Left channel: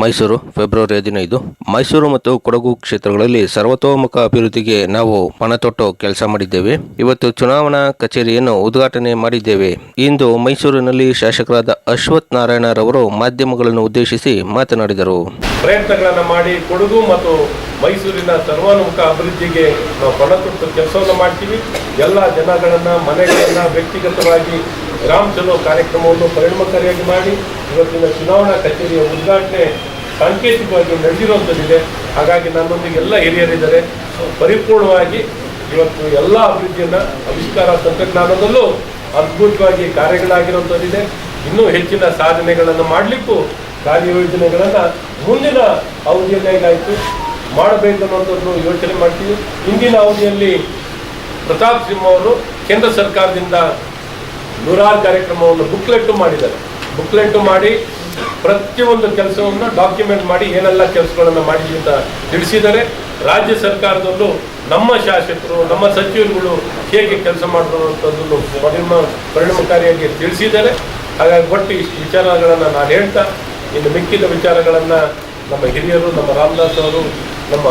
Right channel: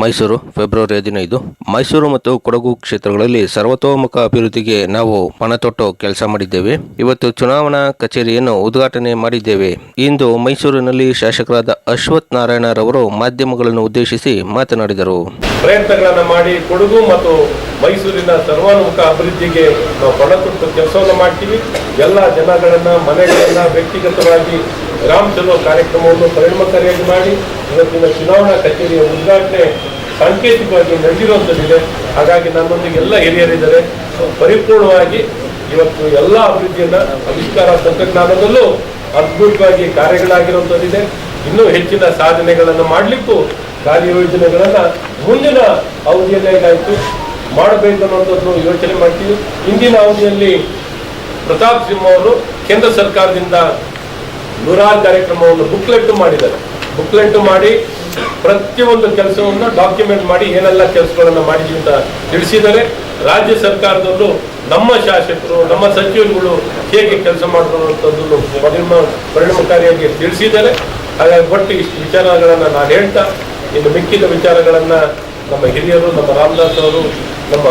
Mysuru, February ಹದಿನೈದು. ಮೈಸೂರು ಮತ್ತು ಕೊಡಗು ಕ್ಷೇತ್ರಗಳಲ್ಲಿ ಸರ್ವತೋಮುಖ ಅಭಿವೃದ್ಧಿಗೆ ನಾವು ಪಣತೊಟ್ಟು ಕೆಲಸ ಮಾಡಿದ್ದೇವೆ. ಇವತ್ತು ಚುನಾವಣಾ ಕಚೇರಿಯನ್ನು ಉದ್ಘಾಟನೆ ಮಾಡಿದ್ದೇವೆ. ಇಂದು ಮೈಸೂರಿನಲ್ಲಿ ಶಾಸಕರಾದ ಅಶ್ವಥ್ ನಾರಾಯಣರವರು ಮಾಧ್ಯಮಗಳನ್ನು ಉದ್ದೇಶಿಸಿ ಮಾತನಾಡಿದರು. ಪ್ರಯತ್ನಗಳನ್ನು ಮಾಡಿ ಕೊಡಗು ಮತ್ತು ಮೈಸೂರಿನ ಸರ್ವಾನುಮುಖ ಅಭಿವೃದ್ಧಿಗೆ ನಾವು ಪಣತೊಟ್ಟು ಕೆಲಸವನ್ನು ಮಾಡ್ತೀವಿ. ಎಲ್ಲ ಜನಗಳನ್ನ, ಮನೆಗಳನ್ನ, ವ್ಯಕ್ತಿಗತವಾಗಿ ಗ್ರಾಮ ಚಲೋ ಕಾರ್ಯಕ್ರಮವನ್ನು ಪರಿಣಾಮಕಾರಿಯಾಗಿ ಮಾಡಿ ಇವತ್ತಿನ ಚುನಾವಣಾ ಕಚೇರಿಯ ಉದ್ಘಾಟನೆ ಸಾಂಕೇತಿಕವಾಗಿ ನಡೆದಿರುವಂಥದ್ದಿದೆ. ಹಾಗಾಗಿ ನನ್ನೊಂದಿಗೆ ಎಲ್ಲ ಹಿರಿಯರಿದ್ದಾರೆ. ಪರಿಪೂರ್ಣವಾಗಿ ಇವತ್ತು ಎಲ್ಲ ಅಭಿವೃದ್ಧಿಯನ್ನ ಆವಿಷ್ಕಾರ ತಂತ್ರಜ್ಞಾನದಲ್ಲೂ ಅದ್ಭುತವಾಗಿ ಕಾರ್ಯಗಳಾಗಿರುವಂಥದ್ದಿದೆ. ಇನ್ನೂ ಹೆಚ್ಚಿನ ಸಾಧನೆಗಳನ್ನು ಮಾಡಲಿಕ್ಕೂ ಕಾರ್ಯಯೋಜನೆಗಳನ್ನ ಮುಂದಿನ ಅವಧಿಯಲ್ಲಿ ಹೇಗಾಯಿತು ಮಾಡಬೇಕು ಅನ್ನೋದನ್ನು ಯೋಚನೆ ಮಾಡ್ತೀವಿ. ಇಂದಿನ ಅವಧಿಯಲ್ಲಿ ಪ್ರತಾಪ್ ಸಿಂಹ ಅವರು ಕೇಂದ್ರ ಸರ್ಕಾರದಿಂದ ನೂರಾರು ಕಾರ್ಯಕ್ರಮವನ್ನು ಬುಕ್ಲೆಟ್ ಮಾಡಿದ್ದಾರೆ. ಬುಕ್ಲೆಟ್ ಮಾಡಿ ಪ್ರತಿಯೊಂದು ಕೆಲಸವನ್ನು ಡಾಕ್ಯುಮೆಂಟ್ ಮಾಡಿ ಏನೆಲ್ಲ ಕೆಲಸಗಳನ್ನು ಮಾಡಿದ್ವಿ ಅಂತ ತಿಳಿಸಿದರೆ ರಾಜ್ಯ ಸರ್ಕಾರದಲ್ಲೂ ನಮ್ಮ ಶಾಸಕರು, ನಮ್ಮ ಸಚಿವರುಗಳು ಹೇಗೆ ಕೆಲಸ ಮಾಡಿರುವಂಥದ್ದನ್ನು ಪರಿಣಾಮ ಪರಿಣಾಮಕಾರಿಯಾಗಿ ತಿಳಿಸಿದ್ದಾರೆ. ಹಾಗಾಗಿ ಒಟ್ಟು ಇಷ್ಟು ವಿಚಾರಗಳನ್ನು ನಾನು ಹೇಳ್ತಾ, ಇನ್ನು ಮಿಕ್ಕಿದ ವಿಚಾರಗಳನ್ನು ನಮ್ಮ ಹಿರಿಯರು, ನಮ್ಮ ರಾಮದಾಸ್ ಅವರು, ನಮ್ಮ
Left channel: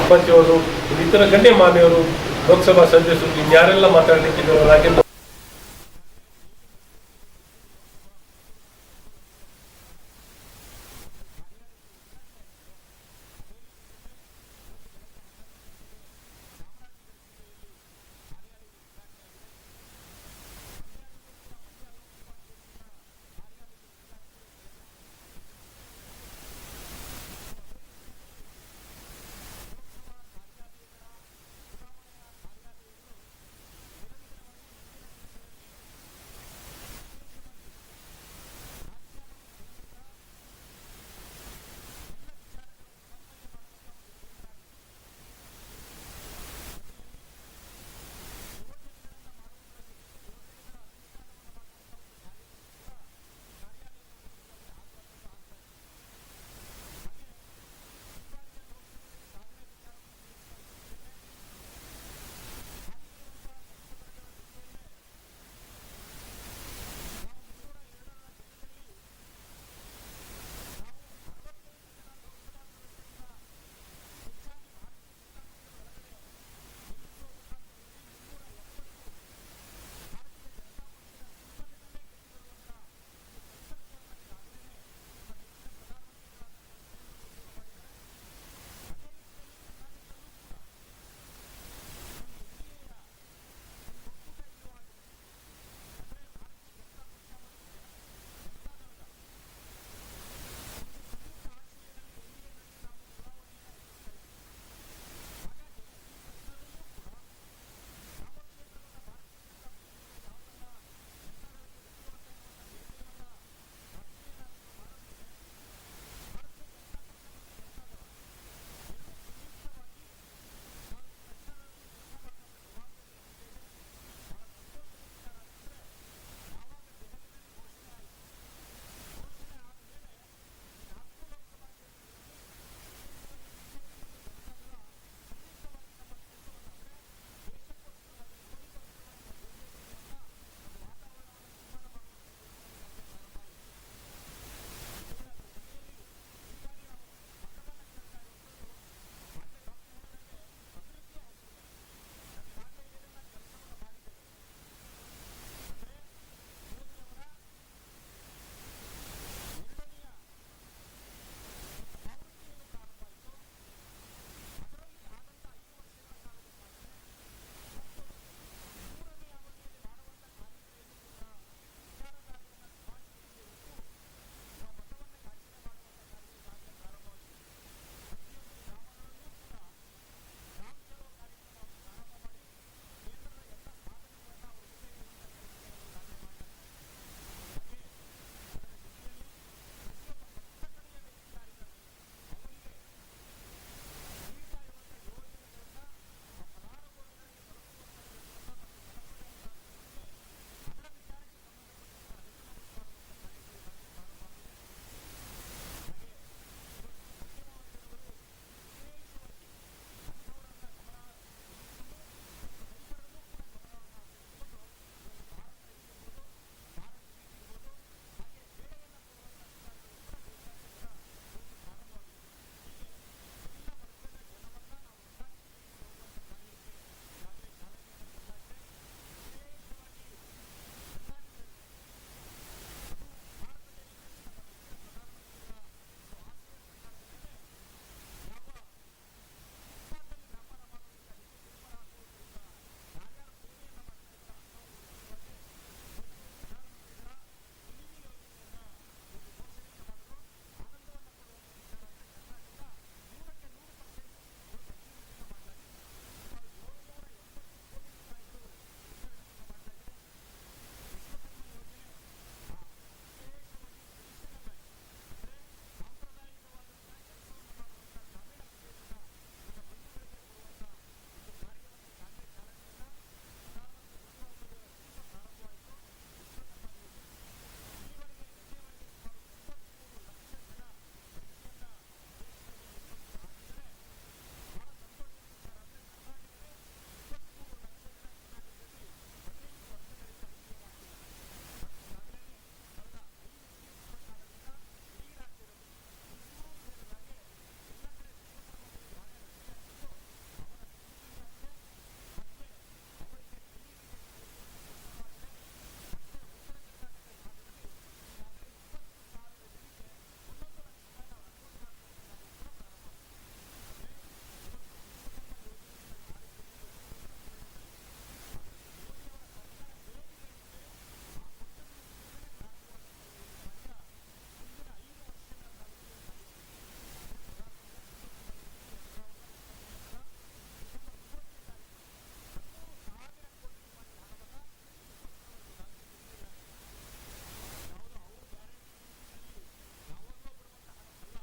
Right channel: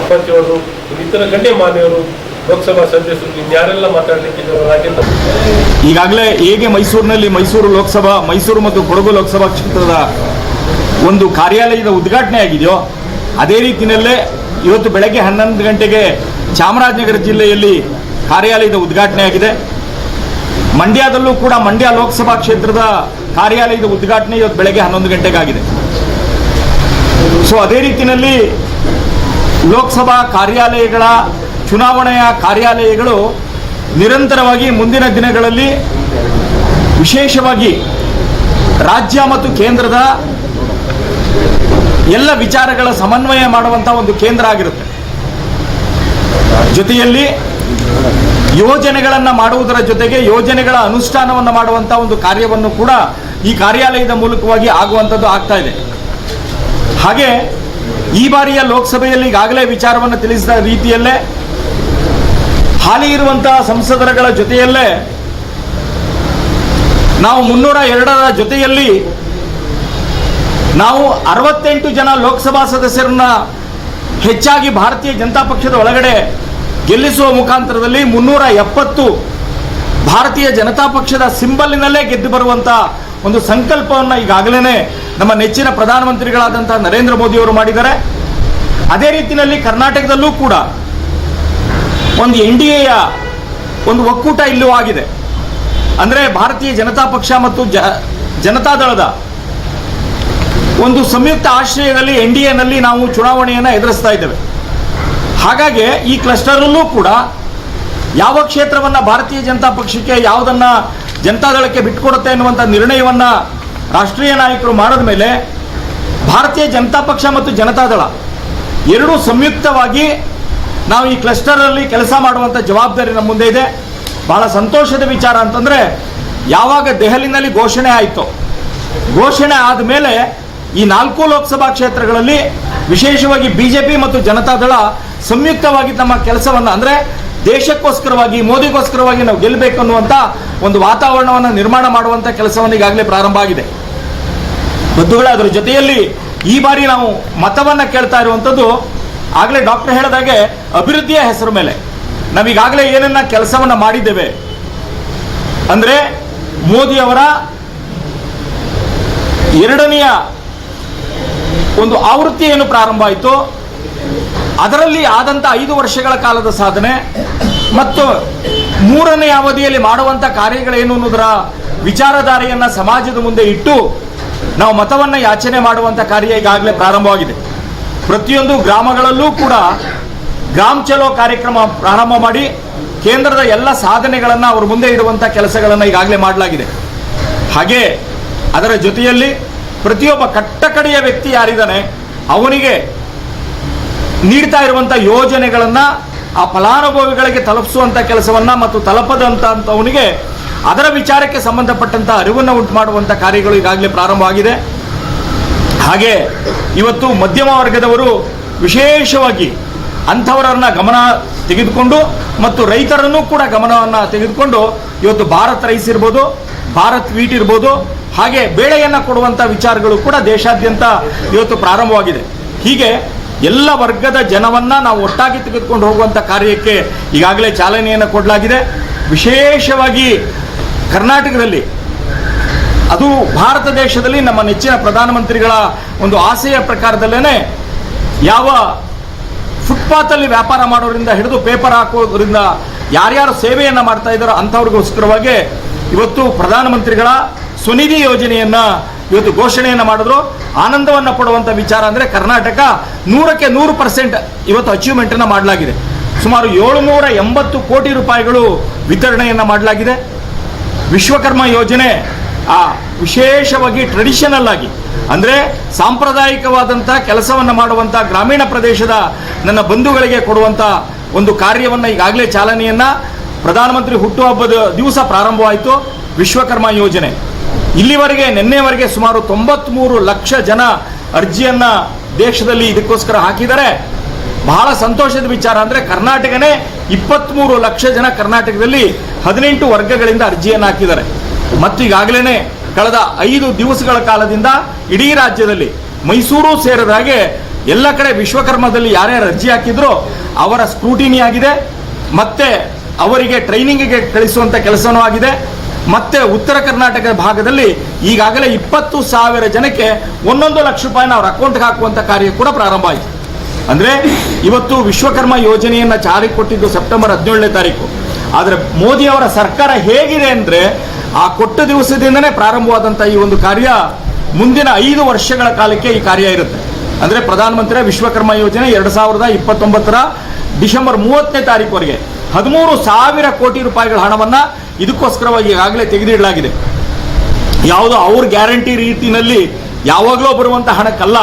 ಅಪ್ಪಾಜಿಯವರು ಇತರ ಗಣ್ಯಮಾನ್ಯರು ಲೋಕಸಭಾ ಸದಸ್ಯರು ಇನ್ಯಾರೆಲ್ಲ ಮಾತಾಡಲಿಕ್ಕೆ ರಾಜೇಂದ್ರ? ಈಗಾಗಲೇ ಹೇಗೆ ಮೈಸೂರಿನಲ್ಲಿ ಮೈಸೂರು ಲೋಕಸಭಾ, ಮೈಸೂರು ಮತ್ತು ಕೊಡಗು ಲೋಕಸಭಾ ಕ್ಷೇತ್ರದ ಒಂದು ಕಾರ್ಯಾಲಯದ ಉದ್ಘಾಟನೆ ಆಗಿದೆಯೋ, ಅದೇ ರೀತಿಯಲ್ಲೇ ಇವತ್ತು ಬೆಳಗ್ಗೆ ಹನ್ನೊಂದು ಗಂಟೆಗೆ ಚಾಮರಾಜನಗರ ಜಿಲ್ಲೆಯಲ್ಲಿ ಕಾರ್ಯಾಲಯದ ಉದ್ಘಾಟನೆ ಆಗಿದೆ. ಮಂಡ್ಯದಲ್ಲೂ ಕೂಡ ಮಂಡ್ಯ ಲೋಕಸಭಾ ಕ್ಷೇತ್ರದ ಕಾರ್ಯಾಲಯದ ಉದ್ಘಾಟನೆ ಇವತ್ತು ಬೆಳಗ್ಗೆ ಹನ್ನೊಂದು ಗಂಟೆಗಾಗಿದೆ. ಸೊ ಅದೇ ರೀತಿಯಲ್ಲಿ ಲೋಕಸಭಾ ಕಾರ್ಯಾಲಯಗಳ ಚುನಾವಣೆಯ ಕಾರ್ಯಾಲಯಗಳು ನಿರಂತರವಾಗಿ ಮುಂದಿನ ದಿನಗಳಲ್ಲಿ ವಿಶೇಷವಾಗಿ ರಾಜ್ಯ ಮತ್ತು ಕೇಂದ್ರದ ಎಲ್ಲ ವಿಚಾರಗಳ ಸಮನ್ವಯ ಮಾಡುವಂತಹ ಒಂದು ಕೇಂದ್ರ ಆಗಿರುತ್ತೆ. ಜೊತೆಯಲ್ಲಿ ಯೋಜನೆಗಳನ್ನು ಮಾಡುವುದರ ಜೊತೆಗೆ ಯೋಜನೆಗಳ ಅನುಷ್ಠಾನವನ್ನು ಮಾಡುವಂತಹ ಒಂದು ಕಾರ್ಯವನ್ನು ಕೂಡ ಈ ಕಾರ್ಯಾಲಯದ ಮೂಲಕವಾಗಿ ಆಗುವಂಥದ್ದು ಆಗ್ತಾ ಇದೆ. ಹಾಗೆ ಈ ಬಾರಿಯ ಲೋಕಸಭೆಯಲ್ಲಿ ಈಗಾಗಲೇ ವಿಚಾರವನ್ನು ತಿಳಿಸಿದ ರೀತಿಯಲ್ಲೇ ಹಾಲಿ ಇರುವಂತಹ ಸಂಸದರಗಳ ಜೊತೆಯಲ್ಲೇ ನಾವು ಮುನ್ನೂರ ಎರಡರ ಜೊತೆಯಲ್ಲಿ ನಾವು ಅರವತ್ತೆಂಟು ಜನ ಲೋಕಸಭಾ ಸದಸ್ಯರನ್ನ ಹೆಚ್ಚಾಗಿ ಭಾರತೀಯ ಜನತಾ ಪಕ್ಷದ ಒಳಗಡೆ ಗೆಲ್ಲಿಸುವ ಮುಖಾಂತರದಲ್ಲಿ ಮುನ್ನೂರ ಎಪ್ಪತ್ತು ಭಾರತೀಯ ಜನತಾ ಪಕ್ಷದ ಸಿಂಬಲ್ನಲ್ಲೇ ಗೆದ್ದು ಬರುವಂತ ಒಂದು ಸಂಕಲ್ಪವನ್ನು ಈಗಾಗಲೇ ನಮ್ಮ ನೆಚ್ಚಿನ ಪ್ರಧಾನಮಂತ್ರಿಗಳಾದಂತಹ ನರೇಂದ್ರ ಮೋದಿಯವರು ಮಾಡಿದ್ದಾರೆ. ಅದೇ ರೀತಿಯಲ್ಲಿ ಕರ್ನಾಟಕದಲ್ಲೂ ಕೂಡ ಒಂದು ಎನ್ ಡಿ ಎಯ ಒಂದು ಒಕ್ಕೂಟ ಇಲ್ಲೂ ಆಗಿದೆ. ಅಂದರೆ ಭಾರತೀಯ ಜನತಾ ಪಕ್ಷ ಮತ್ತು ಜ ಜನತಾದಳದ ಒಂದು ಸಂಯುಕ್ತ ಆಶ್ರಯದಲ್ಲಿ ಎನ್ ಡಿ ಎನಲ್ಲಿ ನಾವು ಚುನಾವಣೆಯನ್ನು ಎದುರಿಸ್ತಾ ಇದ್ದೇವೆ. ಹಾಗಾಗಿ ಈ ಕ್ಲಸ್ಟರಲ್ಲೂ ಕೂಡ ಯಾವ ಕ್ಷೇತ್ರವನ್ನು ಭಾರತೀಯ ಜನತಾ ಪಕ್ಷಕ್ಕೆ, ಯಾವುದನ್ನ ಜನತಾದಳಕ್ಕೆ ಬಿಟ್ಟುಕೊಡುತ್ತೆ ಎನ್ನುವಂಥ ನಿರ್ಣಯವನ್ನ ರಾಷ್ಟ್ರೀಯ ನಾಯಕರು ಮಾಡಿದ ಮೇಲೆ ಭಾರತೀಯ ಜನತಾ ಪಕ್ಷ ಮತ್ತು ಜನತಾದಳ ಎರಡೂ ಸಂಯುಕ್ತವಾಗಿ ನಾವು ಈ ಕ್ಲಸ್ಟರಲ್ಲಿ ಕೆಲಸ ಮಾಡುವಂಥ ಜವಾಬ್ದಾರಿ ನಮ್ಮ ಮುಂದೆ ಇದೆ. ಬಹಳ ಸಂತೋಷದ ವಿಚಾರ ಅಂತಂದ್ರೆ, ಯಾವಾಗ ದೆಹಲಿನಲ್ಲಿ ಘೋಷಣೆ ಆಯಿತು, ಘೋಷಣೆ ಆದ ಮೇಲೆ ಈ ನಾಲ್ಕು ಲೋಕಸಭಾ ಕ್ಷೇತ್ರಗಳಲ್ಲಿ ವಿಶೇಷವಾಗಿ ಬಿಜೆಪಿ ಮತ್ತು ಜನತಾದಳ ಸಂಯುಕ್ತವಾಗಿ ತಮ್ಮ ಕೆಲಸವನ್ನ ಅಂದ್ರೆ ದೇಶಕ್ಕೋಸ್ಕರವಾಗಿ, ಮೋದಿಗೋಸ್ಕರವಾಗಿ ನಾವು ಗೆಲ್ಲಬೇಕು ಅನ್ನುವಂತ ಒಂದು ವಾತಾವರಣವನ್ನು ನಿರ್ಮಾಣ ಮಾಡುವಂತ ಕೆಲಸವನ್ನು ಈಗಾಗಲೇ ಪ್ರಾರಂಭ ಆಗಿದೆ. ಬಂಧುಗಳ, ಅದರ ಜೊತೆಯಲ್ಲಿ ಈ ಬಾರಿ ನಾವು ಮತವನ್ನ ಕೇಳ್ತಾ ಇರುವಂತದ್ದು ಆಗಲೇ ಡಾಕ್ಟರ್ ಹೇಳಿದಾಗೆ ಅಭಿವೃದ್ಧಿಯ ಹೆಸರು ಮೇಲೆ. ನಾವೀಗಾಗಲೇ ಏನನ್ನ ಕೆಲಸವನ್ನು ಮಾಡಿದ್ದೇವೆ. ಅಂದ್ರೆ ಮೋದಿಯವರ ಎರಡನೆಯ ಒಂದು ಆವೃತ್ತಿ ಏನು ಪ್ರಾರಂಭ ಆಯಿತು, ಅದರಲ್ಲಿ ಆದಂಥ ಐದು ವರ್ಷಗಳ ಕಾಲದ ಸಾಧನೆ, ಮತ್ತು ಮೂರನೇ ಅವಧಿಯಲ್ಲಿ ಮಾಡುವಂತ ಕಾರ್ಯಗಳೇನು ಅನ್ನೋದರ ವಿಚಾರಧಾರೆಯನ್ನು ಸಮಾಜದ ಮುಂದೆ ಇಟ್ಟು ನಾವು ಮತವನ್ನ ಯಾಚನೆ ಮಾಡುವಂತ ಕಾರ್ಯ ಈಗಾಗಲೇ ಪ್ರಾರಂಭವಾಗಿದೆ. ಪ್ರತಿಯೊಂದು ಗ್ರಾಮಗಳಲ್ಲೂ ಕೂಡ ಗ್ರಾಮ ಚಲೋ ಕಾರ್ಯಕ್ರಮ ಪ್ರಾರಂಭ ಮಾಡಿ ಕೇಂದ್ರದ ಎಲ್ಲ ಸಾಧನೆಗಳನ್ನು ಅವ್ರ ಮುಂದೆ ಇಡುವಂತ ಕೆಲಸಗಳನ್ನು ಈಗಾಗಲೇ ಮಾಡಲಾಗಿದೆ. ಹಾಗೆ ಅದರ ಜೊತೆಯಲ್ಲಿ ಪ್ರತಿಯೊಬ್ಬ ಕಟ್ಟಕಡೆಯ ವ್ಯಕ್ತಿ ಯಾರಿದ್ದಾನೆ, ಅವನಿಗೆ ನೀಡ್ತಾ ಇರುವಂಥ ಯೋಜನೆಗಳನ್ನ ಆ ಫಲಾನುಭವಿಗಳಿಗೆ ತಲುಪಿಸುವಂತ ಕೆಲಸವನ್ನ ಮತ್ತು ತಲುಪದಂತವನಿಗೆ ಅದರ ವಿಚಾರಕ್ಕೆ ಸಂಬಂಧಪಟ್ಟಂಥ ಅರಿವನ್ನು ಉಂಟು ಮಾಡುವಂಥ ಕಾರ್ಯಗಳು ಈಗಾಗಲೇ ಪ್ರಾರಂಭವಾಗಿದೆ. ಹಾಗೆ ಇವತ್ತು ಮಧ್ಯಮ ವರ್ಗದವರು ವಿಶೇಷವಾಗಿ ಅಂಥವರನ್ನು ಗಮನ ತೆಗೆದುಕೊಂಡು ಮತ್ತು ರೈತರನ್ನು ಕೂಡ ಗಮನವನ್ನು ತೆಗೆದುಕೊಂಡು ಇವತ್ತು ಭಾರತ್ ರೈಸ್ ಇರ್ಬೋದು, ಭಾರತ್ ವೀಟ್ ಇರ್ಬೋದು, ಹಾಗೆ ಬೇಳೆಯನ್ನು ಕೊಡುವಂಥ ವಿಚಾರಗಳು ಕೂಡ ದೇಶಾದ್ಯಂತ ಇವತ್ತು ಪ್ರಾರಂಭವಾಗಿದೆ. ಹೀಗೆ ಎಲ್ಲ ವರ್ಗದ ಜನವನ್ನ ನಾವು ಒಟ್ಟಾಗಿ ತೆಗೆದುಕೊಂಡು ಹೋಗುವಂಥ ಕಾರ್ಯಕ್ಕೆ ಈಗಾಗಲೇ ಚಾಲನೆಯನ್ನು ಕೊಡಲಾಗಿದೆ. ವಿಶೇಷವಾಗಿ ಕರ್ನಾಟಕದಲ್ಲಿ ಅದು ಭಾರತ ದೇಶದಲ್ಲಿ ನಮ್ಮ ನೆಚ್ಚಿನ ಪ್ರಧಾನಮಂತ್ರಿಗಳ ಒಂದು ಆಸೆಯ ಪ್ರಕಾರದಲ್ಲೇ ಯಾವ ಫುಟ್ಪಾತಲ್ಲಿ ವ್ಯಾಪಾರ ಮಾಡೋದ್ರಿಂದ ಹಿಡಿದು ಪೇಪರ್ ಹಾಕೋದ್ರಿಂದ ಯಾರ್ಯಾರು ಸೇವೆಯನ್ನು ಮಾಡ್ತಾ ಇದ್ದಾರೋ ಅಂಥವ್ರಿಗೋಸ್ಕರವಾಗಿ ಇವತ್ತು ಪ್ರಧಾನಮಂತ್ರಿಗಳ ಸ್ವನಿಧಿ ಯೋಜನೆಯನ್ನ ಇವತ್ತು ಘೋಷಣೆಯನ್ನು ಮಾಡಿದ್ರು. ಆನಂದವನ್ನು ಪಡುವಂಥ ವಿಚಾರ ಅಂದರೆ ಕರ್ನಾಟಕ ನೂರಕ್ಕೆ ನೂರು ಪರ್ಸೆಂಟ್ ಇವತ್ತು ಅಚೀವ್ಮೆಂಟನ್ನು ಮಾಡಲಾಗಿದೆ. ಸುಮಾರು ಏಳುನೂರ ಎಂಬತ್ತು ಕೋಟಿ ರೂಪಾಯಿಗಳು ವಿತರಣೆಯನ್ನು ಮಾಡಲಾಗಿದೆ. ವಿಶ್ವಕರ್ಮ ಯೋಜನೆ ಆ ವಿಶೇಷವಾಗಿ ಟ್ರೆಡಿಷನಲ್ ಆಗಿ. ಅಂದರೆ ಸಾಂಪ್ರದಾಯಿಕವಾದಂಥ ಕೆಲಸವನ್ನು ಮಾಡುವಂಥ ಗ್ರಾಮೀಣ ಪ್ರದೇಶದ ನನ್ನ ಬಂಧುಗಳಿಗೆ ಕೊಡುವಂಥ ಒಂದು ಕಾರ್ಯವನ್ನು ಈಗಾಗಲೇ ಚಾಲನೆಯನ್ನು ಪ್ರಧಾನಮಂತ್ರಿ ಹುಟ್ಟುಹಬ್ಬದ ದಿವಸ ಪ್ರಾರಂಭವಾಯಿತು. ವಿಶ್ವಕರ್ಮ ಯೋಜನೆ. ಇಲ್ಲಿವರೆಗೆ, ನಿನ್ನೆವರೆಗೆ ಸುಮಾರು ತೊಂಬತ್ಮೂರು ಲಕ್ಷ ಜನ ಅರ್ಜಿಯನ್ನ ದೇಶದಲ್ಲಿ ಇದಕ್ಕೋಸ್ಕರ ಹಾಕಿದ್ದಾರೆ. ಬಹಳ ಸಂತೋಷದ ವಿಚಾರ ಅಂದ್ರೆ ಕರ್ನಾಟಕನೇ ಇಪ್ಪತ್ತ್ಮೂರು ಲಕ್ಷ ಜನ ಕರ್ನಾಟಕದಲ್ಲಿ ಹದಿನೆಂಟು ವರ್ಗಗಳಿಂದ ಅರ್ಜಿಯನ್ನು ಹಾಕಿದ್ದಾರೆ. ಮತ್ತು ಈಗಾಗಲೇ ಕಳೆದ ಐದು ದಿವಸಗಳ ಕಾಲದಿಂದ ಇಡೀ ರಾಜ್ಯದಲ್ಲಿ ಮೈಸೂರು ಸೇರಿದ ಹಾಗೆ ಎಲ್ಲ ಕಡೆ ವಿಶ್ವಕರ್ಮದಲ್ಲಿ ಯಾರ್ಯಾರು ಅರ್ಜಿ ಹಾಕಿದ್ರೋ ಅವರ ಸ್ಕ್ರೂಟಿನಿ ಆಗಿದೆ. ಮತ್ತೆ ಅವರಿಗೆ ಟ್ರೈನಿಂಗ್ಗೆ ಕಳಿಸುವಂಥ ಕೆಲಸವೂ ಆಗಿದೆ. ಮತ್ತೆ ಉತ್ತರ ಕರ್ನಾಟಕದ ಭಾಗದಲ್ಲಿ ಈಗಾಗಲೇ ಇಪ್ಪತ್ತು ಸಾವಿರ ಜನಕ್ಕೆ ಒಂದೊಂದು ಲಕ್ಷ ರೂಪಾಯಿನ ಅವರ ಅಕೌಂಟ್ಗೆ ಹಾಕುವಂತ ಕಾರ್ಯ ಕೂಡ ಪ್ರಾರಂಭ ಆಯಿತು. ಅಂದ್ರೆ ಇವತ್ತು ವಿಶ್ವಕರ್ಮ ಯೋಜನೆಯನ್ನ ಜಾರಿಗೆ ಕೊಟ್ಟಿದ್ದು ಸೆಪ್ಟೆಂಬರ್ ಹದಿನೇಳನೇ ತಾರೀಕು. ಆದರೆ ಮೋದಿ ಅವರ ಸರ್ಕಾರ ಹೇಗಿದೆ ಅಂದ್ರೆ ಆ ಕೊಟ್ಟ ದಿವಸದಿಂದನೇ ಪ್ರಾರಂಭವಾದಂಥ ಈ ಒಂದು ಕಾರ್ಯ ಮುಂದಿನ ಐದು ವರ್ಷಗಳ ಕಾಲಕ್ಕೆ ಈ ಕಾರ್ಯ ಇರುತ್ತೆ. ಅಂದ್ರೆ ಪ್ರಧಾನಮಂತ್ರಿ ವಿಶ್ವಕರ್ಮ ಯೋಜನೆ ಎರಡು ಸಾವಿರದ ಇಪ್ಪತ್ತೊಂಬತ್ತರ ಡಿಸೆಂಬರ್ ಮೂವತ್ತನೇ ತಾರೀಕುವರೆಗೆ ಹದಿಮೂರು ಸಾವಿರ ಕೋಟಿ ರೂಪಾಯಿಗಳ ಹಣವನ್ನ ಇದಕ್ಕೋಸ್ಕರವಾಗಿ ಈಗಾಗಲೇ ತೆಗೆದಿಡಲಾಗಿದೆ. ಯಾವುದೋ ಅವ್ರ ಗ್ಯಾರಂಟಿ ರೀತಿಯಲ್ಲಿ ಯಾವಾಗಲೂ ಬರುವಂತಹ ಹಣಕ್ಕಲ್ಲ.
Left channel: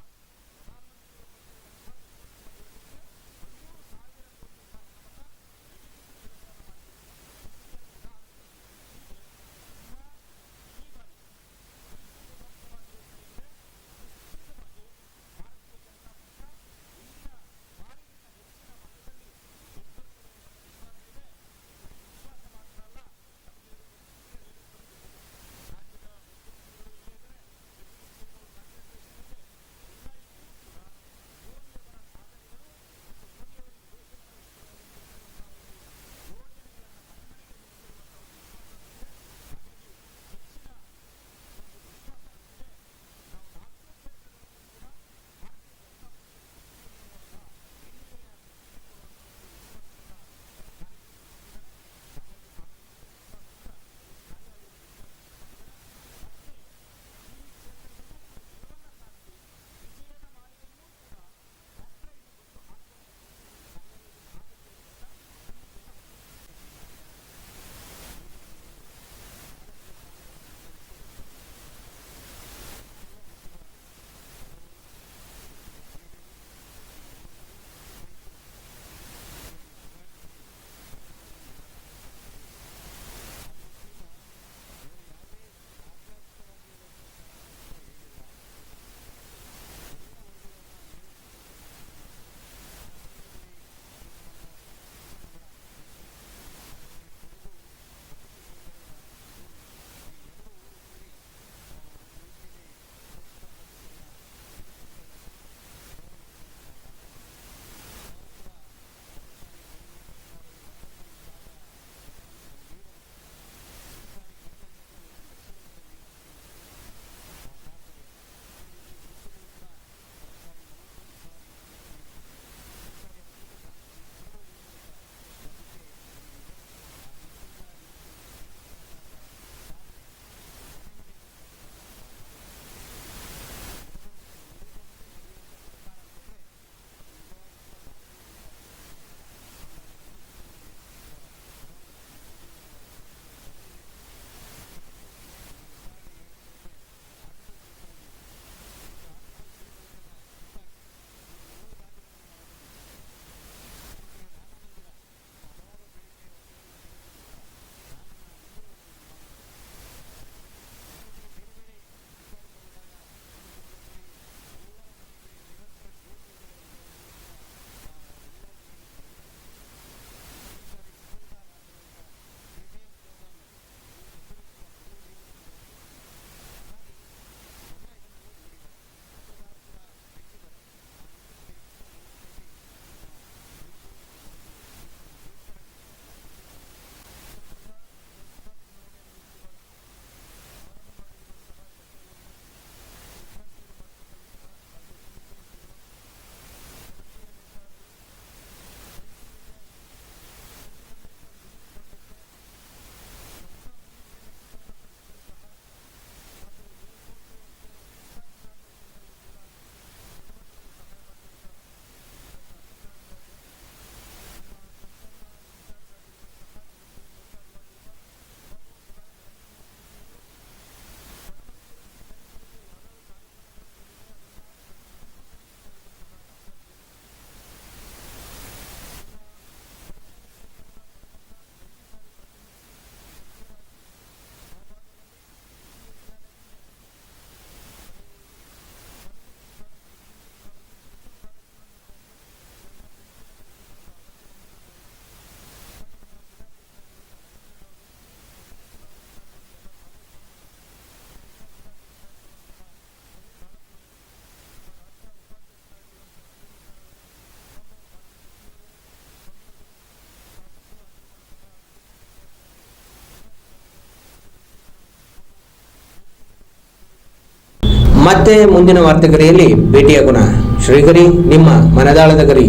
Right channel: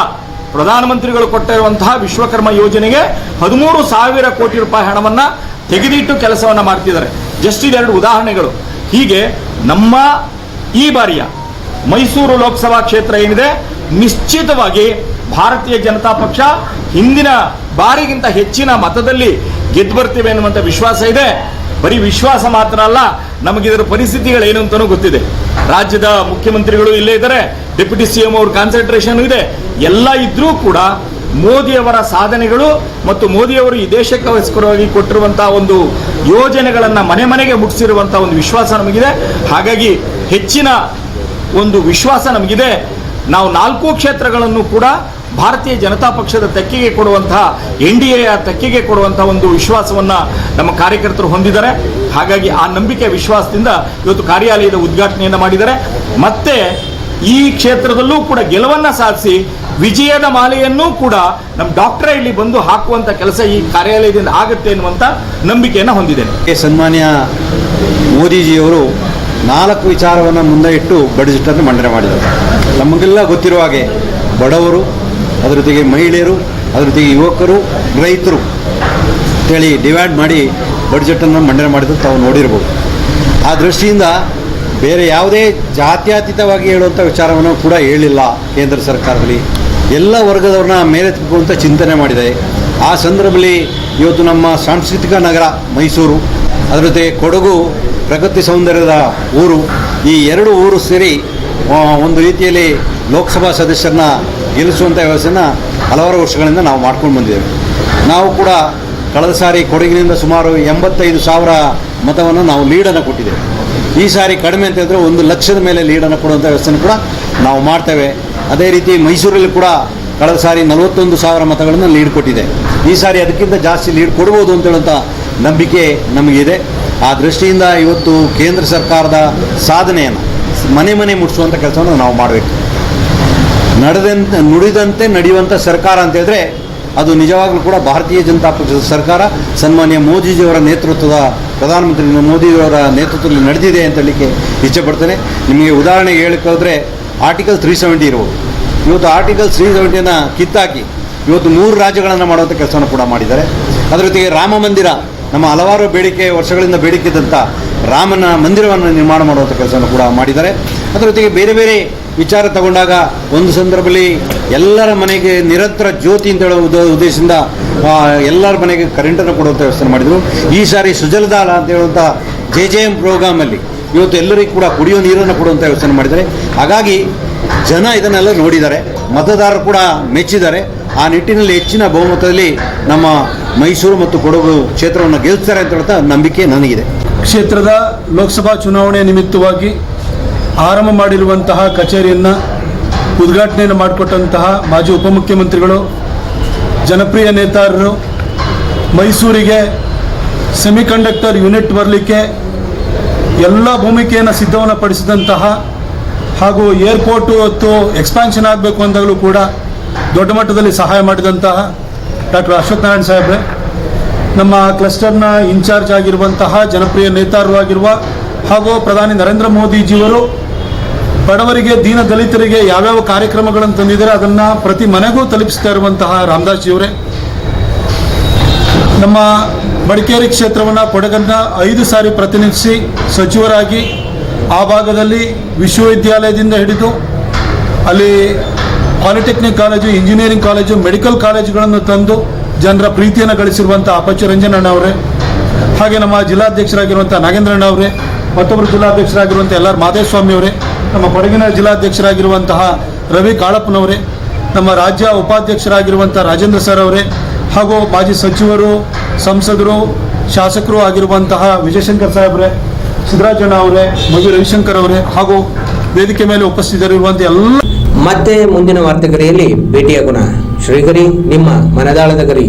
ಪ್ರಧಾನಮಂತ್ರಿಗಳು ಕೊಟ್ಟಿರುವಂತಹ ವಿಶ್ವಕರ್ಮ ಯೋಜನೆಗೆ ಹದಿಮೂರು ಸಾವಿರ ಕೋಟಿ ರೂಪಾಯಿ ಹಣವನ್ನ ತೆಗೆದಿಟ್ಟು ಕೆಲಸವನ್ನ ಮಾಡ್ತಿದ್ದಾರೆ. ಜಸ್ಟ್ ಇದೆರಡು ಉದಾಹರಣೆಗಳು. ಹೀಗೆ ನಮ್ಮ ಈ ಬಾರಿಯ ಮೈಸೂರು ಲೋಕಸಭಾ ಕ್ಷೇತ್ರ ಏನಿದೆ, ನಿಶ್ಚಿತವಾಗಿ ಭಾರತೀಯ ಜನತಾ ಪಕ್ಷ ಹಿಂದಿನ ಬಾರಿಗಿಂತ ಹೆಚ್ಚಿನ ಮತದಲ್ಲಿ ಗೆದ್ದು ಬರ್ತೇವೆ ಅನ್ನುವಂಥ ವಿಶ್ವಾಸ ಇದೆ. ಬರೀ ವಿಶ್ವಾಸ ಮಾತ್ರ ಅಲ್ಲ ನಮಗಿದರ ಏನು ಅಂತಾನೂ ಗೊತ್ತಿದೆ. ರಾಜ್ಯದ ಮುಖ್ಯಮಂತ್ರಿಗಳು ಇಲ್ಲೇ ಇದ್ದಾರೆ, ಡೆಪ್ಯೂಟಿ ಸಿ ಎಂ ಅವ್ರ ಕಾನ್ಸಂಟ್ರೇಷನ್ ಇದೆ. ಎಲ್ಲ ಇದ್ರೂ ಕೂಡ ಮೋದಿಯವರ ಸಾಧನೆಗಳು ಮತ್ತು ಮೋದಿಯವರು ಈ ದೇಶಕ್ಕೋಸ್ಕರವಾಗಿ ಕೊಟ್ಟಿರುವಂತಹ ಒಂದು ಯೋಜನೆಗಳನ್ನು ಮನೆ ಮನೆಗೆ ಮುಟ್ಟಿಸಿರುವಂತಹ ಒಂದು ವಿಶ್ವಾಸ ನಮಗಿದೆ. ಹಾಗಾಗಿ ಹೆಚ್ಚಿನ ಒಂದು ವಿಶ್ವಾಸ ನಮಗಿದೆ. ನಾವು ನಾಲ್ಕು ಕ್ಷೇತ್ರಗಳನ್ನು ಕೂಡ ಭಾರತೀಯ ಜನತಾ ಪಕ್ಷದ ತೆಕ್ಕೆಗೆ ಕೊಡುವಂತಹ, ಎನ್ ಡಿ ಎಯ ತೆಕ್ಕೆಗೆ ಕೊಡುವಂತಹ ಒಂದು ವಿಶ್ವಾಸವನ್ನ ನಮ್ಮ ಕಾರ್ಯಕರ್ತರು ಹೊಂದಿದ್ದಾರೆ. ಹಾಗಾಗಿ ಆ ನಂಬಿಕೆ ವಿಶ್ವಾಸದಿಂದ ಇವತ್ತು ಕಾರ್ಯಾಲಯದ ಉದ್ಘಾಟನೆಯನ್ನು ಮಾಡಿದ್ದಾರೆ. ಮತ್ತೆ ಈ ಕ್ಷೇತ್ರದಲ್ಲೂ ಕೂಡ ಗೆಲುವನ್ನ ಸಾಧಿಸಿ ವಿಜಯದ ಮಾಲೆಯನ್ನೂ ಕೂಡ ನಮ್ಮ ಡಾಕ್ಟರ್ ಇಲ್ಲಿ ಬಂದು ಹಾಕುವಂತ ಕೆಲಸ ಈ ಕಾರ್ಯಾಲಯದಿಂದ ಆಗುತ್ತೆ ಎನ್ನುವಂತ ನಂಬಿಕೆಯನ್ನು ಹೊಂದಿದ್ದೇನೆ. ಸನ್ಮಾನ್ಯ ಮೋದಿಜಿಯವರು ನಾಲ್ಕು ವಿಚಾರವನ್ನು ಮುಂದೆ ಇಟ್ಟು ಬಡ್ಜೆಟನ್ನು ಮಂಡನೆ ಮಾಡಿದ್ದಾರೆ ನಮಗೆಲ್ಲ ಗೊತ್ತಿರುವ ಹಾಗೆ ಬಡವರು, ಅದರ ಜೊತೆಗೆ ಮಹಿಳೆಯರು, ಅದರ ಜೊತೆಗೆ ಯುವಕರು, ರೈತರು ಅಂತೇಳಿ ಡಿವೈಡ್ ಮಾಡಿ ಬಡ್ಜೆಟನ್ನು ಮಂಡನೆ ಮಾಡಿದ್ರು ತಾವು ನೋಡಿರ್ಬೋದು. ಆ ದೃಷ್ಟಿಯಿಂದ ಬೇರೆ ಯಾವುದೇ ಜಾತ್ಯತೀತವಾಗಿ ಹೇಳುವಂಥ ವಿಚಾರವನ್ನು ಕೂಡ ಹೇಳಿಲ್ಲ ಕೇಂದ್ರ ಸರ್ಕಾರದಲ್ಲಿ. ಎಲ್ಲ ವರ್ಗದವ್ರನ್ನ ಮೇಲೆತ್ತುವಂಥ ಚಿಂತನೆ ಮಾಡಿದೆ. ಆ ಸಂದರ್ಭದಲ್ಲಿ ಇವತ್ತು ನಮ್ಮ ಸಾಂಸ್ಕೃತಿಕ ನಗರ ಮೈಸೂರು, ಅದರ ಜೊತೆ ಕೊಡಗು ಪ್ರಕೃತಿ ಸೌಂದರ್ಯದ ಊರು, ಈ ಎರಡು ಊರು ಸೇರಿ ಒಂದು ರೀತಿಯಲ್ಲಿ ಲೋಕಸಭಾ ಸದಸ್ಯರನ್ನ ಗೆಲ್ಲಿಸುವಂಥ ವ್ಯವಸ್ಥೆನ ಹಲವಾರು ವರ್ಷಗಳಿಂದ ನಾವು ಮಾಡ್ಕೊಂಡು ಬಂದಿದ್ದೇವೆ. ನಾವು ಕೂಡ ಕಳೆದ ಸಾರಿ ಕೊಡಗಿನಿಂದ ಸುಮಾರು ಎಂಬತ್ತೈದು ಸಾವಿರ ಮತವನ್ನು ನಾವು ಲೀಡನ್ನು ಕೊಟ್ಟಿದ್ದೇವೆ. ಈ ಸಾರಿ ಕಡಿಮೆ ಅಂತ ಹೇಳಿದ್ರೆ ಒಂದು ಲಕ್ಷದ ಮೇಲೆ ಲೀಡನ್ನು ಕೊಡುವಂಥ ವ್ಯವಸ್ಥೆಯನ್ನು ಕೂಡ ನಾವು ಮಾಡ್ತೇವೆ. ಅದೇ ರೀತಿ ಮೈಸೂರಲ್ಲಿ ಕೂಡ ಕಳೆದ ಸಾರಿ ನಲವತ್ತೊಂದು ಸಾವಿರ ಮತಗಳನ್ನು ಲೀಡ್ ಕೊಟ್ಟಿದೆ. ಈ ಸಾರಿ ಅದಕ್ಕಿಂತ ಜಾಸ್ತಿ ಲೀಡ್ ಕೊಡ್ಬೋದು ಅಂತ ಹೇಳುವಂಥ ನಂಬಿಕೆ ನಮಗಿದೆ. ಆ ದೃಷ್ಟಿಯಿಂದ ಇವತ್ತು ಕೇಂದ್ರ ಸರ್ಕಾರದ ಸಾಧನೆಯನ್ನು ಮನೆ ಮನೆ ಮುಟ್ಟಿಸುವಂಥ ಕೆಲಸವನ್ನು ನಾವು ಮಾಡಬೇಕು. ನಡೆದಂತೆ, ನುಡಿದಂತೆ ನಡೆಯುವಂಥ ಸರ್ಕಾರ ಅಂತ ಹೇಳಿದ್ರೆ ಅದು ನಿಜವಾಗ್ಲೂ ಕೂಡ ಭಾರತೀಯ ಜನತಾ ಪಕ್ಷದ ಸರ್ಕಾರ, ಸನ್ಮಾನ್ಯ ಮೋದಿಜಿಯವರ ನೇತೃತ್ವದ, ಪ್ರಧಾನಮಂತ್ರಿ ಮೋದಿಯವರ ನೇತೃತ್ವದಲ್ಲಿ ನಡೆದಿದೆ ಅಂತ ಹೇಳಲಿಕ್ಕೆ ಇಚ್ಛೆಪಡ್ತೇನೆ ನಿಮಗೆ ಉದಾಹರಣೆಗೆ ಹೇಳಕ್ಕೆ ಹೋದರೆ ಆರ್ಟಿಕಲ್ ತ್ರೀ ಸೆವೆಂಟಿ ಇರ್ಬೋದು. ಇವತ್ತು ಆರ್ಟಿಕಲ್ ತ್ರೀ ಸೆವೆಂಟಿಯನ್ನು ಕಿತ್ತಾಕಿ ಇವತ್ತು ಮೂರು ರಾಜ್ಯಗಳನ್ನು ಮಾಡುವಂಥ ಕೆಲಸವನ್ನು ಕೂಡ ಮಾಡಿದ್ದಾರೆ. ಅದರ ಜೊತೆಗೆ ರಾಮ ಮಂದಿರ, ನಮ್ಮ ಹಲವಾರು ಬೇಡಿಕೆ, ವರ್ಷಗಳಿಂದ ಬೇಡಿಕೆ ಇದ್ದಂಥ ರಾಮನ ಮಂದಿರವನ್ನು ನಿರ್ಮಾಣ ಮಾಡುವಂಥ ಕೆಲಸವನ್ನು ಕೂಡ ಮಾಡಿದ್ದಾರೆ. ಅದರ ಜೊತೆಗೆ ಬೇರೆ ಬೇರೆ ವಿಚಾರ ತಗೊಂಡಾಗ ಒಂದು ಸಂದರ್ಭದಲ್ಲಿ ಎಲ್ಲರ ಮನೆಗೆ ನಿರಂತರ ಜ್ಯೋತಿ ಅಂತ ಹೇಳೋ ಉದ್ದ ಉದ್ದೇಶದಿಂದ ಎಲ್ಲರ ಮನೆಗೆ ಕರೆಂಟನ್ನು ಕೊಡುವಂಥ ವ್ಯವಸ್ಥೆ ಮಾಡಿದರು. ಈ ಸಾರಿ ಸುಜಲದಾಲ ಅಂತ ಹೇಳುವಂಥ ಜೆ ಜೆ ಎಂ ಪ್ರೋಗ್ರಾಮಲ್ಲಿ ಇವತ್ತು ಎಲ್ಲರಿಗೂ ಕೂಡ ಕುಡಿಯೋ ನೀರನ್ನು ಕೊಡುವಂಥ ವ್ಯವಸ್ಥೆ ಮಾಡಿದ್ದಾರೆ. ಹಾಗಾಗಿ ಜನ ಇದನ್ನೆಲ್ಲ ನೋಡಿದ್ದಾರೆ. ಮತದಾರರು ಕೂಡ ಮೆಚ್ಚಿದ್ದಾರೆ. ಆ ನಿಟ್ಟಿನಲ್ಲಿ ಹೆಚ್ಚಿನ ಬಹುಮತದಲ್ಲಿ ನಮ್ಮ ಮೈಸೂರು ಮತ್ತು ಕೊಡಗು ಕ್ಷೇತ್ರವನ್ನು ಗೆಲ್ಲಿಸ್ತಾರೆ ಅಂತ ಹೇಳ್ತಾ ನಂಬಿಕೆ ನನಗಿದೆ. ಕ್ಷೇತ್ರದ ಲೋಕಸಭಾ ಚುನಾವಣೆ ನಿಮಿತ್ತವಾಗಿ ಆರಂಭ ಮಾಡಿರುವಂತಹ ಕಚೇರಿಯನ್ನು ಉದ್ಘಾಟನೆಯನ್ನು ಮಾಡಿಕೊಟ್ಟಂತಹ ಮಾಜಿ ಉಪಮುಖ್ಯಮಂತ್ರಿಗಳು, ಜನಪ್ರಿಯ ನೇತಾರರು, ಮೈಸೂರಿಗೆ ಸೆಮಿಕಂಡಕ್ಟರ್ ಯೂನಿಟ್ ಬರಲಿಕ್ಕೆ ಎಲ್ಲ ಭೂಮಿಕೆಯನ್ನು ಸಿದ್ಧವನ್ನು ಪಡಿಸಿದಂತಹ ಹಾಗೂ ಏರ್ಪೋರ್ಟು ಇವತ್ತು ಎಕ್ಸ್ಪಾನ್ಷನ್ ಆಗಬೇಕು ಅಂದಾಗಲೂ ಕೂಡ ದೊಡ್ಡ ಮಟ್ಟದಲ್ಲಿ ಸಹಾಯ ಮಾಡಿದಂತಹ ಡಾಕ್ಟರ್ ಅಶ್ವಥ್ ನಾರಾಯಣ ಸಾಹೇಬ್ರೆ, ನಮ್ಮ ಕ್ಲಸ್ಟರ್ನ ಇನ್ಚಾರ್ಜ್ ಆಗಿರುವಂತಹ ಜನಪ್ರಿಯ ನೇತಾರರು ಆಗಿರುವ ಹಾಗೂ ಪ್ರಧಾನಿ ನರೇಂದ್ರ ಮೋದಿಜಿಯವರು ಬಡವರಿಗೆ, ದೀನ ದಲಿತರಿಗೆ ಯಾವ್ಯಾವ ಕಾರ್ಯಕ್ರಮಗಳನ್ನು ತಂದಿದ್ದಾರೆ ಅದನ್ನು ಪ್ರತಿ ಮನೆಗೂ ತಲುಪಿಸ್ತಾ ಇರುವಂತಹ ರಾಮದಾಸ್ ಜಿಯವರೇ ನಮ್ಮ ಮಡಿಕೇರಿ ಕ್ಷೇತ್ರವನ್ನು ಕೊಡಗನ್ನ ಐದು ಸಾರಿ ಪ್ರತಿನಿಧಿಸಿ ಸಚಿವರಾಗಿ ಆ ಭಾಗದಲ್ಲಿ ವಿಶ್ವವಿದ್ಯಾಲಯದಿಂದ ಹಿಡಿದು ಅಲ್ಲಿ polytechnic college, engineering college, medical ಕಾಲೇಜುಗಳನ್ನು ತಂದು ಜನರ ಪ್ರೀತಿಯನ್ನು ಗಳಿಸಿರುವಂಥ ಅಪಚು ರಂಜನಣ್ಣ ಅವರೇ, ಹಾಗೆ ನಮ್ಮ ಜಿಲ್ಲಾಧ್ಯಕ್ಷರಾಗಿರುವಂಥ ನಾಗೇಂದ್ರಣ್ಣ ಅವರೇ, ಮತ್ತೊಬ್ಬರು ಜಿಲ್ಲಾಧ್ಯಕ್ಷರಾಗಿರುವಂಥ ಎಲ್ ಆರ್ ಮಾದೇಸ್ವಾಮಿ ಅವರೇ, ನಮ್ಮ ಕೊಡಗಿನ ಜಿಲ್ಲಾಧ್ಯಕ್ಷರಾಗಿರುವಂತಹ ರವಿ ಕಾಳಪ್ಪನವರೇ, ನಮ್ಮ ರಾಜ್ಯ ಉಪಾಧ್ಯಕ್ಷರಾಗಿರುವಂಥ ರಾಜೇಂದ್ರ ಸರ್ ಅವರೇ ಹಾಗೂ ಮಾಜಿ ಸಚಿವರು ಸಂಸದರು ಶಾಸಕರು ಆಗಿರುವಂತಹ ವಿಜಯಶಂಕರ್ ಸಾಹೇಬ್ರೆ ಸಿದ್ದರಾಜಣ್ಣ ಅವರೇ ಮಧು ರವಿಶಂಕರ್ ಅವರೇ ಹಾಗೂ ವೇದಿಕೆ ಮೇಲೆ ಉಪಸ್ಥಿತರಿರುವಂಥ ಎಲ್ಲ ಮತ್ತೆ ಮುಂದಿನ ವಾರ್ತೆಗರಿಯಲ್ಲಿ ಭೇಟಿಯಾಗೋಣ ಶ್ರೀಗರಿ ನಿಮ್ಮ ಮನದಾಳದ ಗರಿ.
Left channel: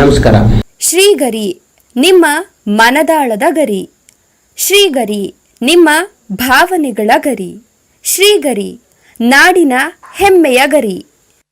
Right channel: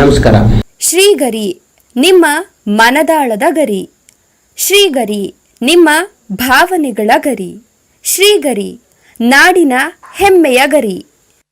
ನಮಸ್ಕಾರ. ಶ್ರೀಗರಿ ನಿಮ್ಮ ಮನದಾಳದ ಗರಿ. ಶ್ರೀಗರಿ ನಿಮ್ಮ ಭಾವನೆಗಳ ಗರಿ. ಶ್ರೀಗರಿ ನಾಡಿನ ಹೆಮ್ಮೆಯ ಗರಿ.